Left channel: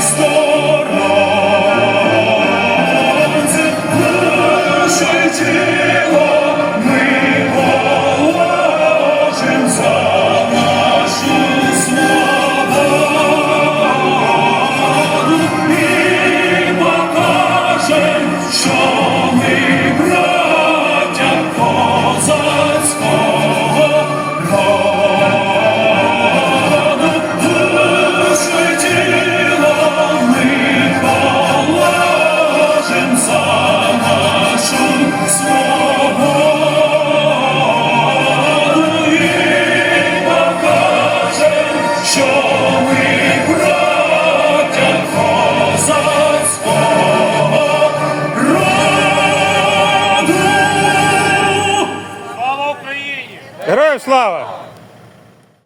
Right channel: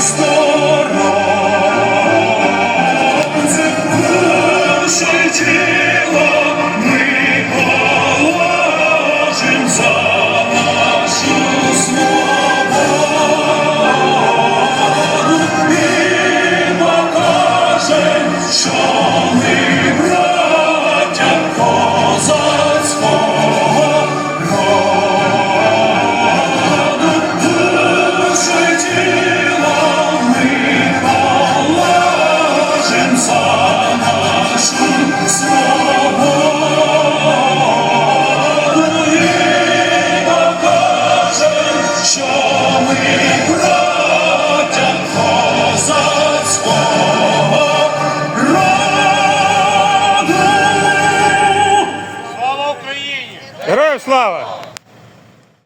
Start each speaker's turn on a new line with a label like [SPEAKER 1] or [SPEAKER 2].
[SPEAKER 1] Christ.
[SPEAKER 2] Героям слава!